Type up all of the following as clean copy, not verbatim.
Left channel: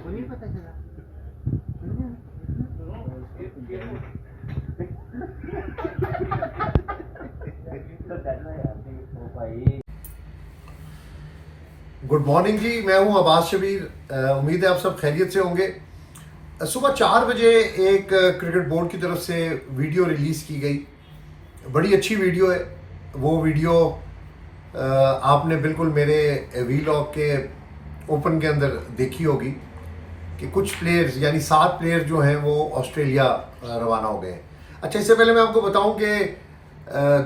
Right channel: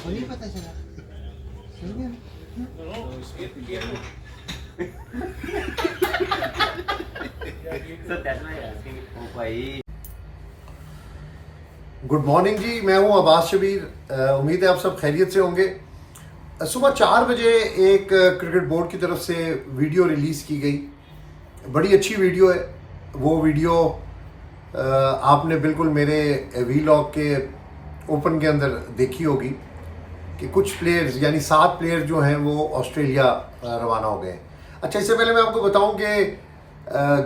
आपको नहीं पता चला? गुड मॉर्निंग जी, मैं हूं अब्बास शबीर। उम्मीद है आप सब खैरियत से होंगे। सुबह 4 बजे एक क्रिकेट बोर्ड की तरफ से वीडियो रिलीज़ की गई। बड़ी अच्छी वीडियो है। वो वीडियो आपने बिल्कुल मेरे वीलॉग के ओपन के अंदर देखी होगी कि कुछ प्लेयर्स यानी 7 प्लेयर जो हैं वो ऑस्ट्रेलिया रवाना हो गए हैं। अच्छा, इससे पहले मैं आपको बताऊं कि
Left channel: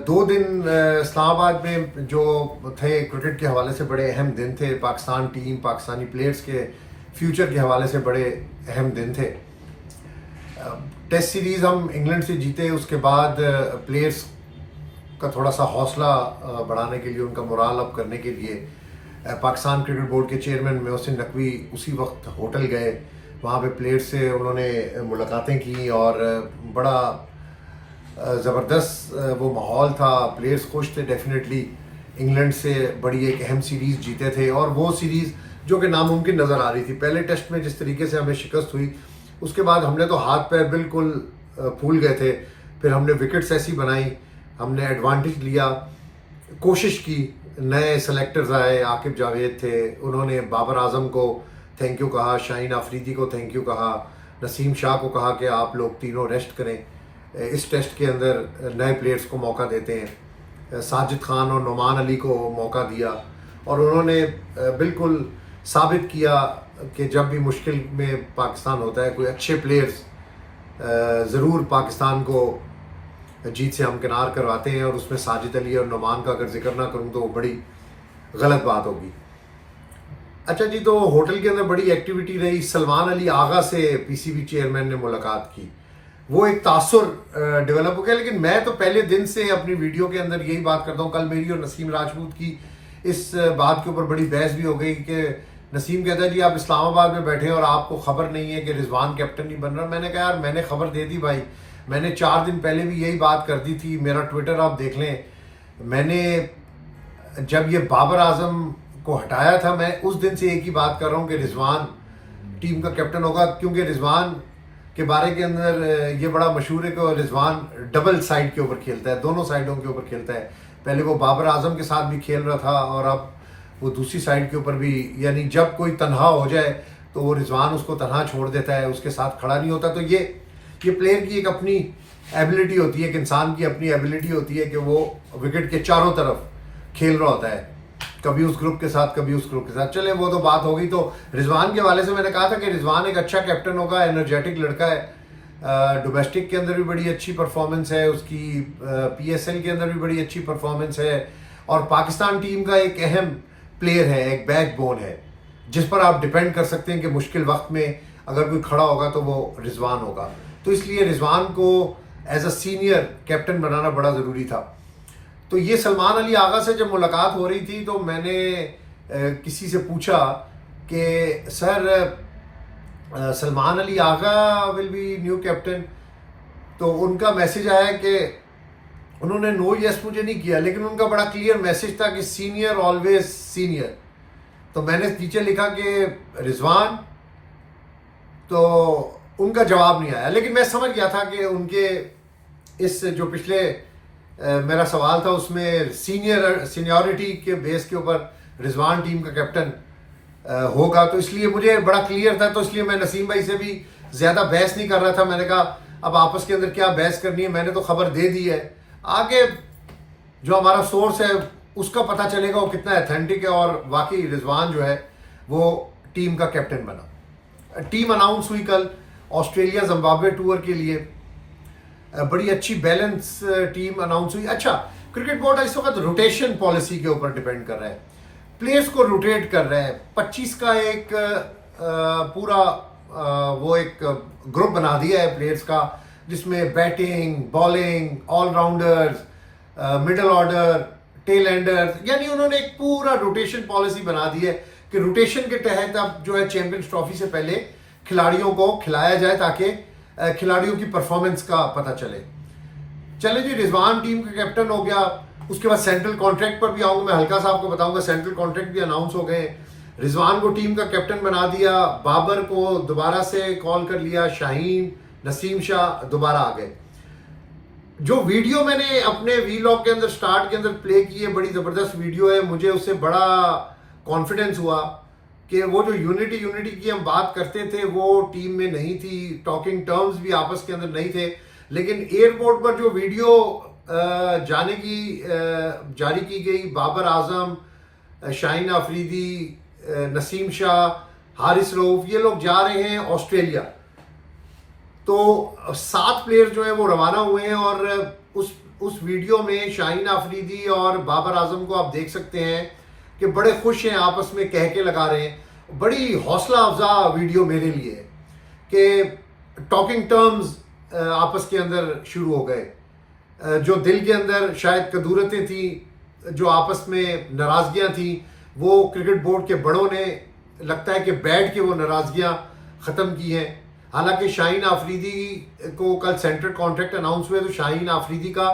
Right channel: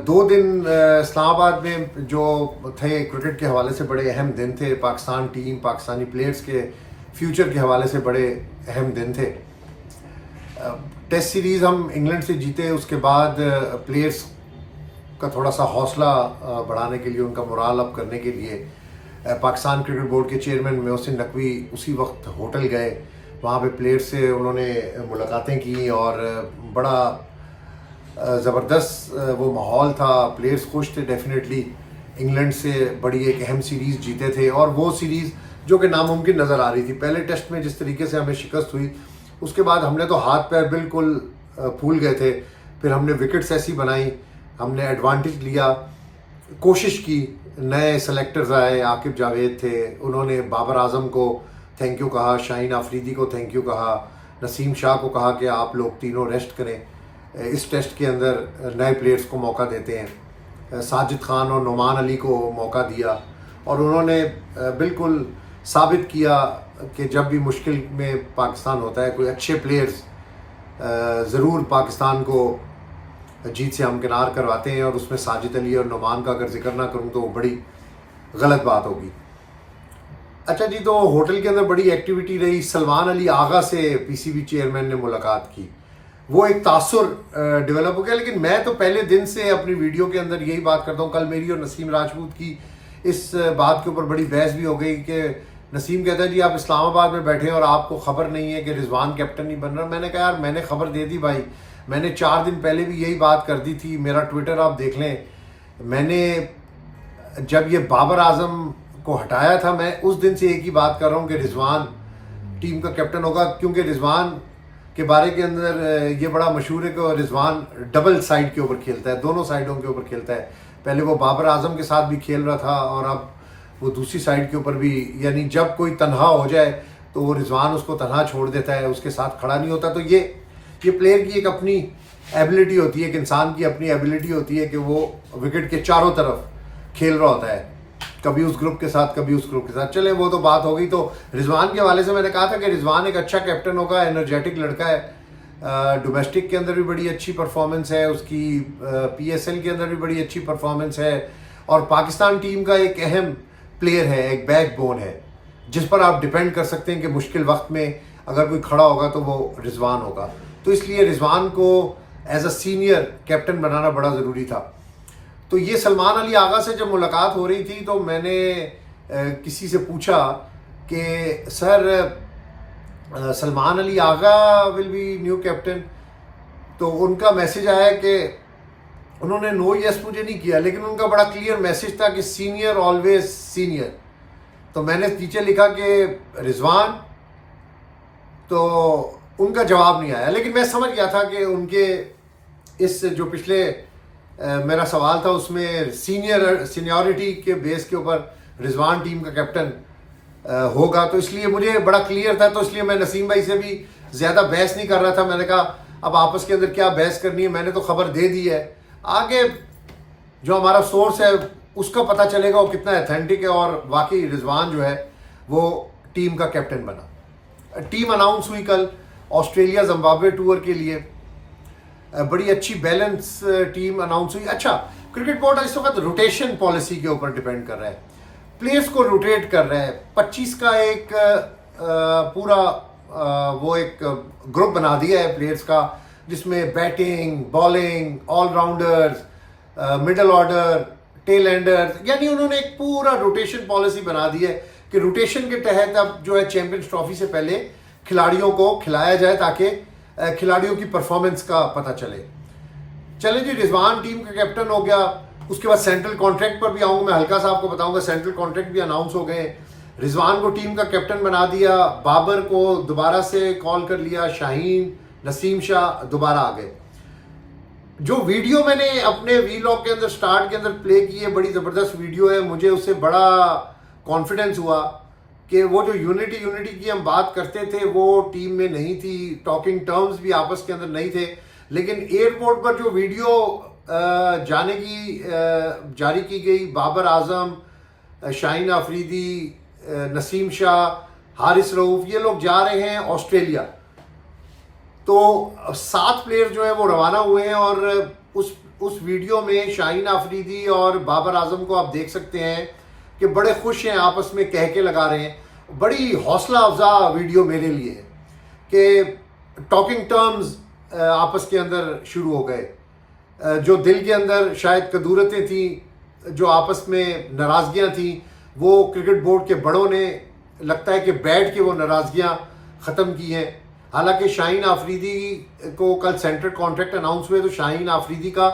2 दिन इस्लामाबाद में जो थे क्रिकेट के हवाले से बड़े अहम दिन थे। पाकिस्तान टीम, पाकिस्तानी प्लेयर्स के फ्यूचर के हवाले से बड़े अहम दिन थे। टेस्ट सीरीज़ हम इंग्लैंड से जीते, उसके बाद प्लेयर्स का थोड़ा सा हौसला बढ़ाने के लिए, उनका मोराल अप करने के लिए पाकिस्तान क्रिकेट बोर्ड के चेयरमैन मोहसिन नकवी उसी वक्त होटल गए। वहाँ पे प्लेयर्स से उन्होंने मुलाकातें की और बड़ा ज़बरदस्त वो माहौल था। प्लेयर्स खुश थे। डेफिनेटली इंग्लैंड से बड़ी एक अहम सीरीज़ जीते थे और वो सीरीज़ जो कि नामुमकिन नज़र आ रही थी। पहले टेस्ट में जिस तरीके से हमें शिकस्त हुई, उसके बाद हमने तो हाथ पैर बिल्कुल फूल गए थे। फिर हमने विकेट्स ऐसी बनाई, हमने एडवांटेज लिया, कोशिश की। नए सेलेक्टर्स आए, आकिब जावेद थे, उन्होंने बाबर आजम को थैंक यू कहा, शाहीन आफरीदी को थैंक यू कहा, नसीम शाह को कहा कि आप लोग तीनों रेस्ट करें, इस टेस्ट के अंदर नए प्लेयर्स को मौका देते हैं। साजिद खान और नुमान अली को मौका दिया और उन्होंने बिल्कुल साबित किया कि जब भी मुश्किल में पाकिस्तान होता है, कोई अच्छे प्लेयर्स ज़रूर पाकिस्तान को जीत से हमकिनार करवाते हैं। और उसमें साजिद अली और नुमान का अगर जिक्र ना करूं तो वो बड़ी गलत बात होगी। अच्छा जी, तो होटल के अंदर बड़ी एक्टिविटी रही। सलमान अली आगा से पीसीबी चेयरमैन ने मुलाकात की, वो एक तासुर डेवलप हो गया। लेकिन मैं तो पहले दिन से अपनी वीडियो के अंदर यही बात करता हूँ। कल मेरी और नसीम राजपूत की इस बात के ऊपर बड़ी बहस भी हो गई कि नसीम कहता है जी आप इस्लामाबाद में बैठे और आपको खबर नहीं है कि रिजवान कैप्टन नहीं बन रहा। मैंने कहा यार, मैंने खबर दे दी भाई, मैंने 4 दिन पहले भी यही बात कर दी थी। मेरा ट्विटर आप देख लें, मैंने जब ये बाबर आजम को हटाया था, मैं उस दिन से एक ही बात कर रहा हूँ कि रिजवान टीम का कैप्टन होगा। क्योंकि रिजवान के बारे के अंदर ये बड़ा मशहूर है कि रिजवान डबल साइड के ऊपर खेलता है, दोनों साइडों के ऊपर खेलता है। पहले वो बाबर आजम के साथ भी खेल रहा था और अब वो दूसरी साइड के ऊपर भी, यानी जब कोई तनहा हो जाए तो वो रिजवान उसको तनहा छोड़ देता है, उसके साथ खड़ा नहीं होता। तो ये प्लेयर की एक अपनी एबिलिटी होती है, एक इंसान की अपनी एबिलिटी होती है कि वो विकेट के चारों तरफ खेल रहा होता है, कभी उस ग्रुप के साथ, कभी उस ग्रुप के साथ। चले, वो तो बात हो गई। तो रिजवान के हवाले से मैंने कहा था कि रिजवान एक अच्छा कैप्टन होगा, एनर्जेटिक लड़का है। डोमेस्टिक के अंदर भी बड़ी अच्छी परफॉर्मेंस है उसकी, पीएसएल के अंदर भी बड़ी अच्छी परफॉर्मेंस है और पाकिस्तान टीम का एक अहम प्लेयर है, एक बैकबोन है जिस पर आप डिपेंड कर सकते हैं कि मुश्किल वक्त में अगर कोई खड़ा होगा तो वो रिजवान होगा। तो इसलिए रिजवान को एज अ सीनियर कैप्टन बनाना बड़ा ज़रूरी था। तो ये सलमान अली आगा से जब मुलाकात हो रही थी तो मैंने किसी से पूछा कि sir Salman Ali Agha will be new captain. तो उनका मैसेज आया कि उन्होंने नो यस मुझे नहीं किया, लेकिन उनका बड़ा क्लियर मैसेज था कि सीनियर ऑलवेज सीनियर। तो मैंने नीचे लिखा कि रिजवान, तो उनका जवाब नहीं आया। लेकिन मैं समझ गया था कि उनके इस जो पिछले मेरा सवाल था उसमें सीनियरिटी के बेस के ऊपर रिजवान टीम का कैप्टन होगा। तो इसलिए मुझे बड़ा क्लियर था। तो इसलिए मैं नसीम भाई से भी ज़्यादा बहस नहीं कर रहा था। मैंने कहा अब आपस के अंदर क्या बहस करनी है, मैंने तो खबर दे दी है, आगे जो हमारा सोर्स है उसका पता चलेगा वो कितना ऑथेंटिक है। और वाकई रिजवान जो है वो टीम का कैप्टन बना। टीम अनाउंस हुई कल ऑस्ट्रेलिया जिम्बाब्वे टूर के लिए। बड़ी अच्छी बैलेंस टीम अनाउंस हुई। अच्छा, क्रिकेट बोर्ड इस वक्त रोटेशन पॉलिसी के ऊपर डिपेंड कर रहा है, प्लेयर्स को रोटेट कर रहा है। 25 का एक पूरा वो एक ग्रुप बना दिया है प्लेयर्स का, जिसमें batting, bowling, allrounders, middle order, tell Anders, यानी उन्होंने एक पूरा रोटेशन पॉलिसी बना दी है कि रोटेशन के तहत अब जो है चैंपियंस ट्रॉफी से पहले खिलाड़ियों को खिलाया जाए ताकि खिलाड़ियों की परफॉर्मेंस का पता चले। चले जी, रिजवान टीम का कैप्टन हो गया। उसके बाद सेंट्रल कॉन्ट्रैक्ट पर भी आऊंगा, मैं हल्का सा आपको बताऊंगा। सेंट्रल कॉन्ट्रैक्ट भी अनाउंस हो गए। रिजवान को टीम का कैप्टन बना दिया, बाबर को दोबारा से कॉल कर लिया, शाहीन, नसीम शाह दोबारा आ गए। जो वीडियो मैंने अपने वीलॉग के अंदर स्टार्ट के अंदर प्ले की है, बड़ी ज़बरदस्त वीडियो है। मुझे उससे बड़ा कॉन्फिडेंस हुआ कि वो जो यूनिटी की हम बात करते थे वो टीम में नहीं थी, टॉकिंग टर्म्स भी आपस के अंदर नहीं थे। लेकिन एयरपोर्ट पर जो वीडियो जारी की गई, बाबर आजम, शाहीन आफरीदी, नसीम शाह, हारिस रऊफ, ये लोग जा रहे हैं ऑस्ट्रेलिया। तो 7 प्लेयर जो है वो रवाना हुए हैं और उस वीडियो में शाहीन आफरीदी और बाबर आजम को आप देख सकते हैं कि बड़े खुश हैं, आपस में कह के लगा रहे हैं। बड़ी हौसला अफजा वीडियो मेरे लिए है कि टॉकिंग टर्म्स आपस के अंदर शुरू हो गए। जो दिल के अंदर शायद कदूरतें थी, जो आपस में नाराजगियां थी, वो क्रिकेट बोर्ड के बड़ों ने लगता है कि बैठ के वो नाराजगियां ख़त्म की हैं। हालांकि शाहीन आफरीदी को कल सेंट्रल कॉन्ट्रैक्ट अनाउंस हुए, तो शाहीन आफरीदी का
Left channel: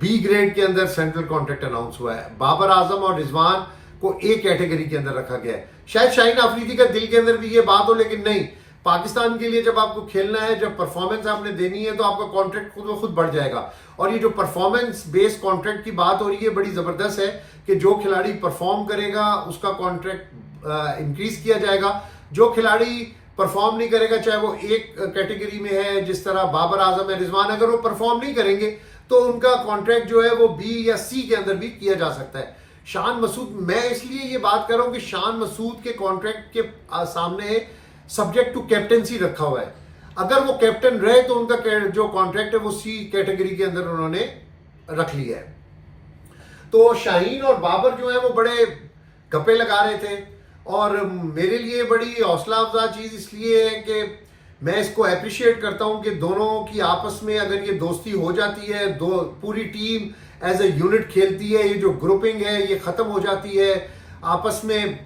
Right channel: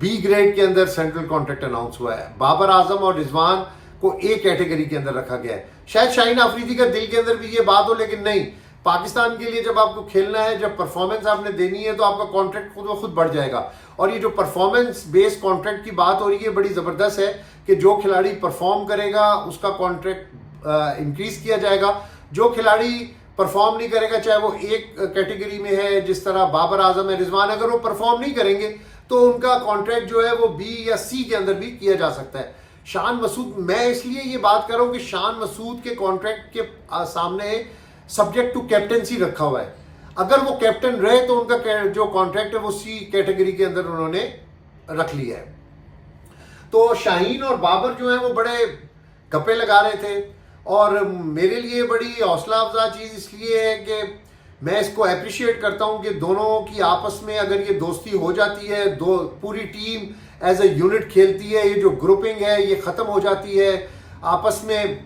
बी ग्रेड के अंदर सेंट्रल कॉन्ट्रैक्ट अनाउंस हुआ है। बाबर आजम और रिजवान को ए कैटेगरी के अंदर रखा गया है। शायद शाहीन आफरीदी का दिल के अंदर भी ये बात हो, लेकिन नहीं, पाकिस्तान के लिए जब आपको खेलना है, जब परफॉर्मेंस आपने देनी है, तो आपका कॉन्ट्रैक्ट खुद ब खुद बढ़ जाएगा। और ये जो परफॉर्मेंस बेस्ड कॉन्ट्रैक्ट की बात हो रही है, बड़ी ज़बरदस्त है कि जो खिलाड़ी परफॉर्म करेगा उसका कॉन्ट्रैक्ट इंक्रीज किया जाएगा। जो खिलाड़ी परफॉर्म नहीं करेगा, चाहे वो एक कैटेगरी में है, जिस तरह बाबर आजम है, रिजवान, अगर वो परफॉर्म नहीं करेंगे तो उनका कॉन्ट्रैक्ट जो है वो बी या सी के अंदर भी किया जा सकता है। शान मसूद, मैं इसलिए ये बात कर रहा हूं कि शान मसूद के कॉन्ट्रैक्ट के सामने सब्जेक्ट टू कैप्टेंसी रखा हुआ है। अगर वो कैप्टन रहे तो उनका जो कॉन्ट्रैक्ट है वो सी कैटेगरी के अंदर उन्होंने रख लिया है। तो शाहीन और बाबर जो है वो बड़े गप्पे लगा रहे थे और मेरे लिए बड़ी हौसला अफजा चीज़ इसलिए है कि मैं इसको अप्रिशिएट करता हूं कि दोनों की आपस में अगर ये दोस्ती हो जाती है, पूरी टीम एज ए यूनिट खेलती है, ये जो ग्रुपिंग है ये ख़त्म हो जाती है, आपस में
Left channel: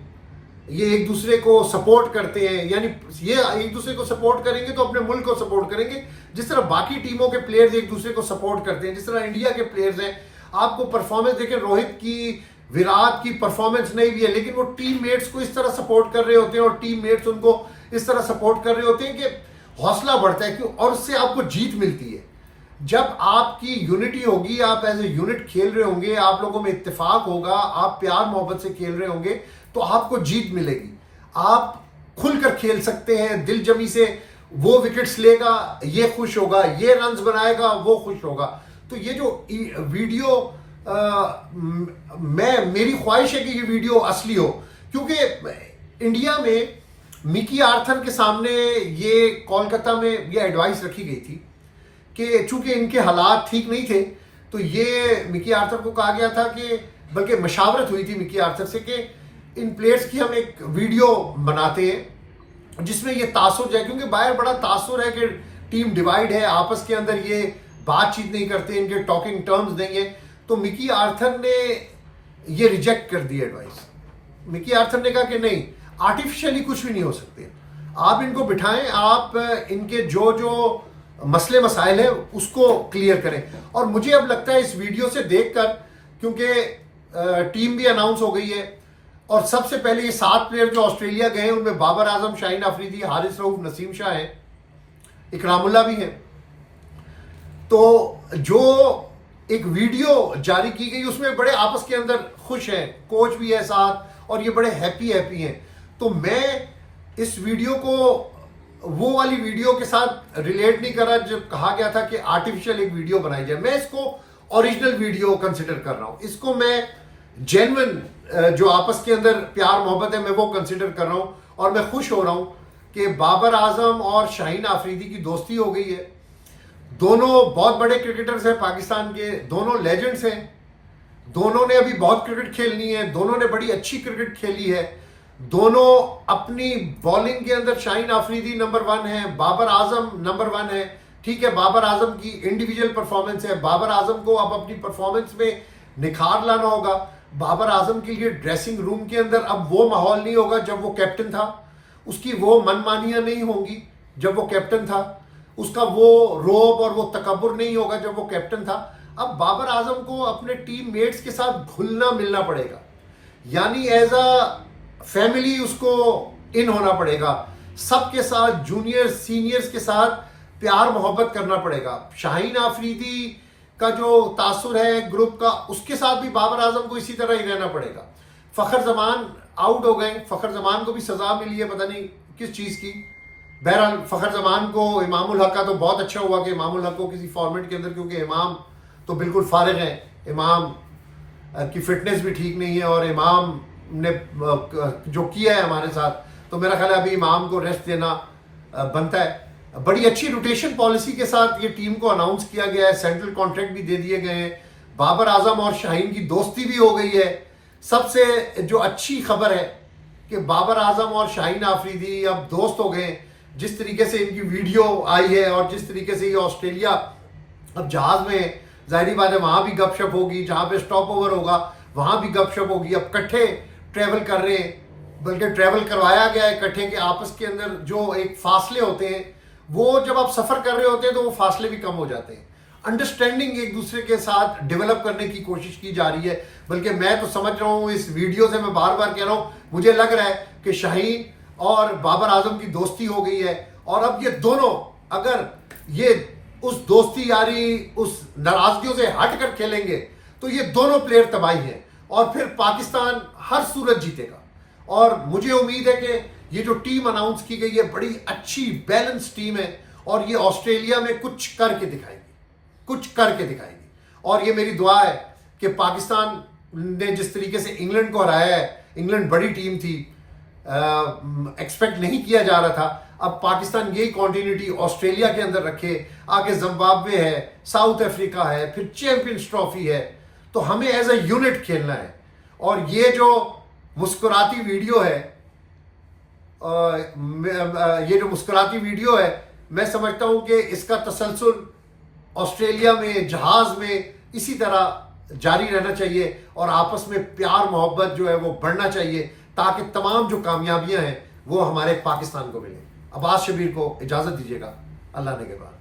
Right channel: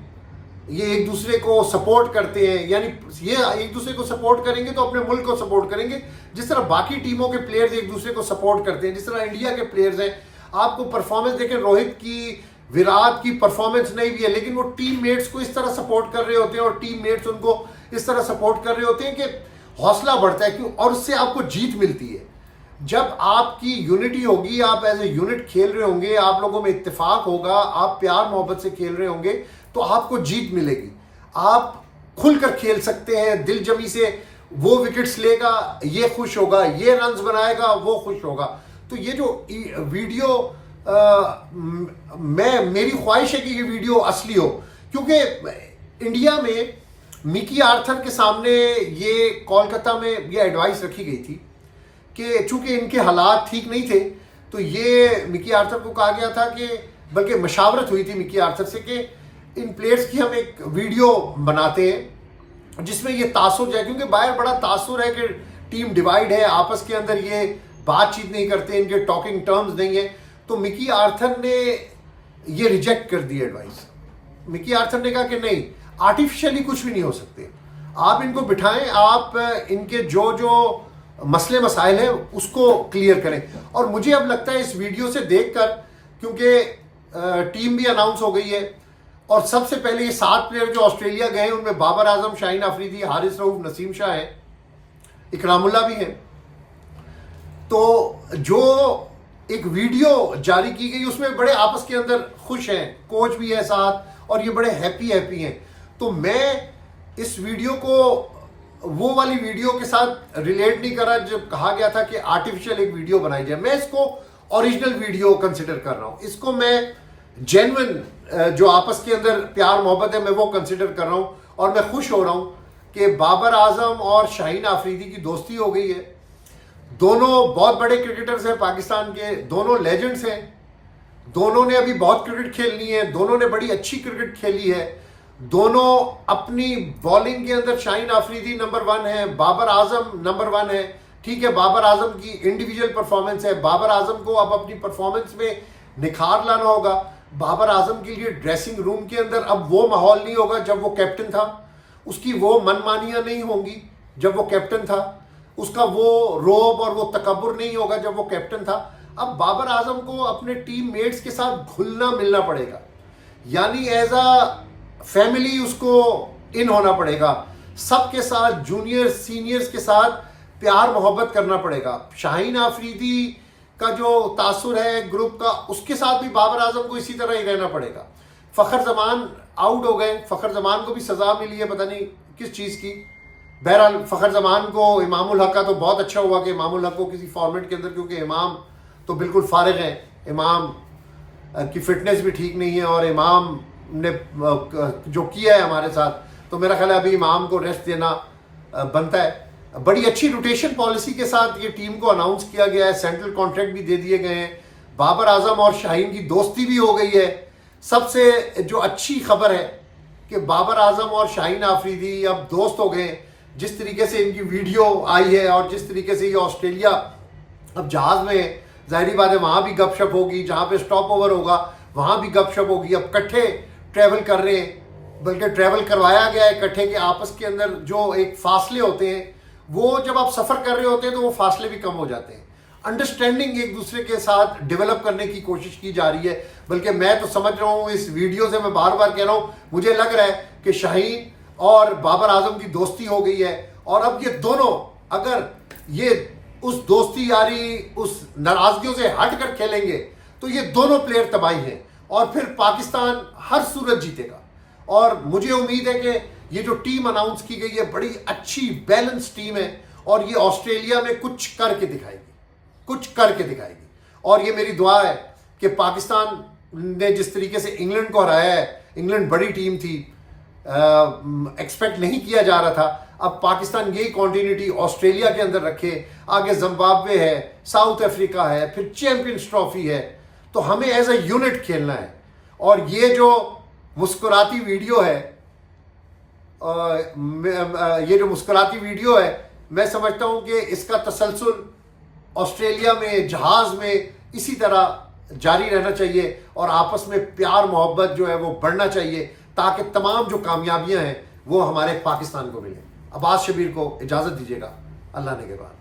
ये एक दूसरे को सपोर्ट करते हैं, यानी ये एक दूसरे को सपोर्ट करेंगे तो अपने मुल्क को सपोर्ट करेंगे, जिस तरह बाकी टीमों के प्लेयर्स एक दूसरे को सपोर्ट करते हैं, जिस तरह इंडिया के प्लेयर्स हैं। आपको परफॉर्मेंस देखें, रोहित की, विराट की परफॉर्मेंस नहीं भी है, लेकिन वो टीम मेट्स को इस तरह सपोर्ट कर रहे होते हैं और टीम मेट्स उनको इस तरह सपोर्ट कर रहे होते हैं कि हौसला बढ़ता है, क्यों, और उससे आपको जीत मिलती है। जब आपकी यूनिटी होगी, आप एज ए यूनिट खेल रहे होंगे, आप लोगों में इत्तेफाक होगा, आप प्यार मोहब्बत से खेल रहे होंगे, तो आपको जीत मिलेगी। आप खुलकर खेल सकते हैं, दिल जमी से, वो विकेट्स लेगा, ये खुश होगा, ये रन्स बनाएगा, वो खुश होगा। तो ये जो वीडियो मेरी ख्वाहिश है कि ये वीडियो असली हो, क्योंकि इंडिया में मिकी आर्थर के सामने ये कोलकाता में ये एडवाइस रखी गई थी कि चूंकि इनके हालात ठीक नहीं थे, तो ये मिकी आर्थर को कहा गया था कि, बल्कि मशावरत हुई थी मिकी आर्थर से कि इन प्लेयर्स की हम एक वीडियो बनाते हैं जिसमें ये तासुर जाए, क्योंकि बाहर बड़ा तासुर है कि टीम डिवाइड है, आपस के अंदर ये बातचीत नहीं करते, इनके टॉकिंग टर्म्स नहीं है। तो मिकी आर्थर ने ये रिजेक्ट कर दी एडवाइस। मिकी आर्थर ने कहा कि नहीं, आर्टिफिशियली कुछ भी नहीं हो सकते, आप इनको बिठाएं, आप इनके जो जो मसले मसाइल हैं उसको क्लियर करें। और मुझे अब लगता है इस वीडियो से देखकर, क्योंकि टीम भी अनाउंस हो गई है और सबसे पहले ये 7 प्लेयर जो ऑस्ट्रेलिया गए हैं उनमें बाबर आजम, शाहीन आफरीदी, हारिस रऊफ, नसीम शाह है, इकरामुल्लाह भी है। तो जो एक वीडियो जारी की गई उसमें बड़े आपस के अंदर खुश हैं, कोच भी है साथ और ये बड़े हैप्पी हैं। तो मैं इस वीडियो को वो वाली वीडियो के साथ रिलेट नहीं कर रहा जब कहा गया था कि आर्टिफिशियल एक वीडियो बनाई जाए। मैं इसको ओरिजिनल वीडियो कंसिडर कर रहा हूं, इसको मैं जेन्युइन जो आपस के अंदर प्यार मोहब्बत है मैं वो कंसिडर कर रहा हूं। और मैं खुश हो रहा हूं कि बाबर आजम और शाहीन आफरीदी की दोस्ती हो गई है। दोनों बहुत बड़े क्रिकेटर्स हैं पाकिस्तान के, दोनों लेजेंड्स हैं, दोनों ने अभी बहुत क्रिकेट खेलनी है, दोनों ने बड़ी अच्छी क्रिकेट खेली है। दोनों अपनी बॉलिंग के अंदर, शाहीन आफरीदी नंबर 1 है, बाबर आजम नंबर 1 है। ठीक है, बाबर आजम की इंडिविजुअल परफॉर्मेंस है, बाबर आजम को अब अपनी परफॉर्मेंस में निखार लाना होगा। बाबर आजम के लिए ड्रेसिंग रूम के अंदर अब वो माहौल नहीं होगा जब वो कैप्टन था, उसकी वो मनमानियां नहीं होंगी जब वो कैप्टन था, उसका वो रोब और वो तकब्बुर नहीं होगा जब वो कैप्टन था। अब बाबर आजम को अपने टीम मेट्स के साथ घुलना मिलना पड़ेगा, यानी एज अ फैमिली उसको इन होना पड़ेगा, सबके साथ जूनियर सीनियर्स के साथ प्यार मोहब्बत करना पड़ेगा। शाहीन आफरीदी का जो तासुर है ग्रुप का, उसके साथ भी बाबर आजम को इसी तरह ही रहना पड़ेगा। फखर जमान आउट हो गए, फखर जमान को भी सजा मिली है पता नहीं किस चीज़ की। बहरहाल फखर जमान को इमामुल हक का तो बहुत अच्छा हुआ कि इमामुल हक को किसी फॉर्मेट के अंदर, क्योंकि इमाम तो बिल्कुल फारिग है, इमाम की फिटनेस भी ठीक नहीं है और इमाम ने जो किया है हमारे साथ, तो मेरा ख्याल है अभी इमाम को रेस्ट देना बनता है। बड़ी अच्छी रोटेशन पॉलिसी के साथ ये टीम को अनाउंस किया गया है, सेंट्रल कॉन्ट्रैक्ट भी दे दिए गए हैं, बाबर आजम और शाहीन की दोस्ती भी हो गई है। सबसे जो अच्छी खबर है कि बाबर आजम और शाहीन आफरीदी अब दोस्त हो गए। जिस तरीके से इनकी वीडियो आई है और जिस तरीके से ये ऑस्ट्रेलिया अब जहाज में, जाहिर बात है वहां भी गपशप होगी, जहां पे स्टॉप ओवर होगा वहां भी गपशप होगी। अब इकट्ठे ट्रैवल कर रहे हैं, बल्कि ट्रैवल करवाया गया है इकट्ठे के आपस के अंदर जो एक फासले होते हैं, वो जब आप सफर कर रहे होते हैं तो वो फासले भी कम हो जाते हैं। अंडरस्टैंडिंग एक दूसरे के साथ डेवलप करने की कोशिश की जा रही है। बल्कि मैं तो समझ रहा हूं, इस वीडियो से मैं बार बार कह रहा हूं, मुझे लग रहा है कि शाहीन और बाबर आजम की दोस्ती हो गई है। और अब ये दोनों अगर ये उस दोस्ती यारी, उस नाराजगियों से हट कर खेलेंगे तो ये दोनों प्लेयर तबाही हैं और फिर पाकिस्तान हर सूरत जीतेगा। और मुझे उम्मीद है कि ये जो टीम अनाउंस की गई है बड़ी अच्छी बैलेंस टीम है और ये ऑस्ट्रेलिया में कुछ करके दिखाएगी, कुछ करके दिखाएगी। और ये मेरी दुआ है कि पाकिस्तान ने जिस तरीके से इंग्लैंड को हराया है, इंग्लैंड बड़ी टीम थी, एक्सपेक्ट नहीं किया जा रहा था, अब पाकिस्तान यही कॉन्टिन्यूटी ऑस्ट्रेलिया के अंदर रखे। आगे जिम्बाब्वे है, साउथ अफ्रीका है, फिर चैंपियंस ट्रॉफी है, तो हमें एज ए यूनिट खेलना है। और ये जो मुस्कुराती वीडियो है, ये जो मुस्कुराती वीडियो है, मैं समझता हूं कि इसका तसलसल ऑस्ट्रेलिया में जहाज में इसी तरह जारी रहना चाहिए और आपस में प्यार मोहब्बत जो है वो बढ़ना चाहिए, ताकि तमाम जो कामयाबियां हैं वो हमारे पाकिस्तान को मिलें। अब्बास शबीर को इजाजत दीजिएगा, अल्लाह ने के बाद।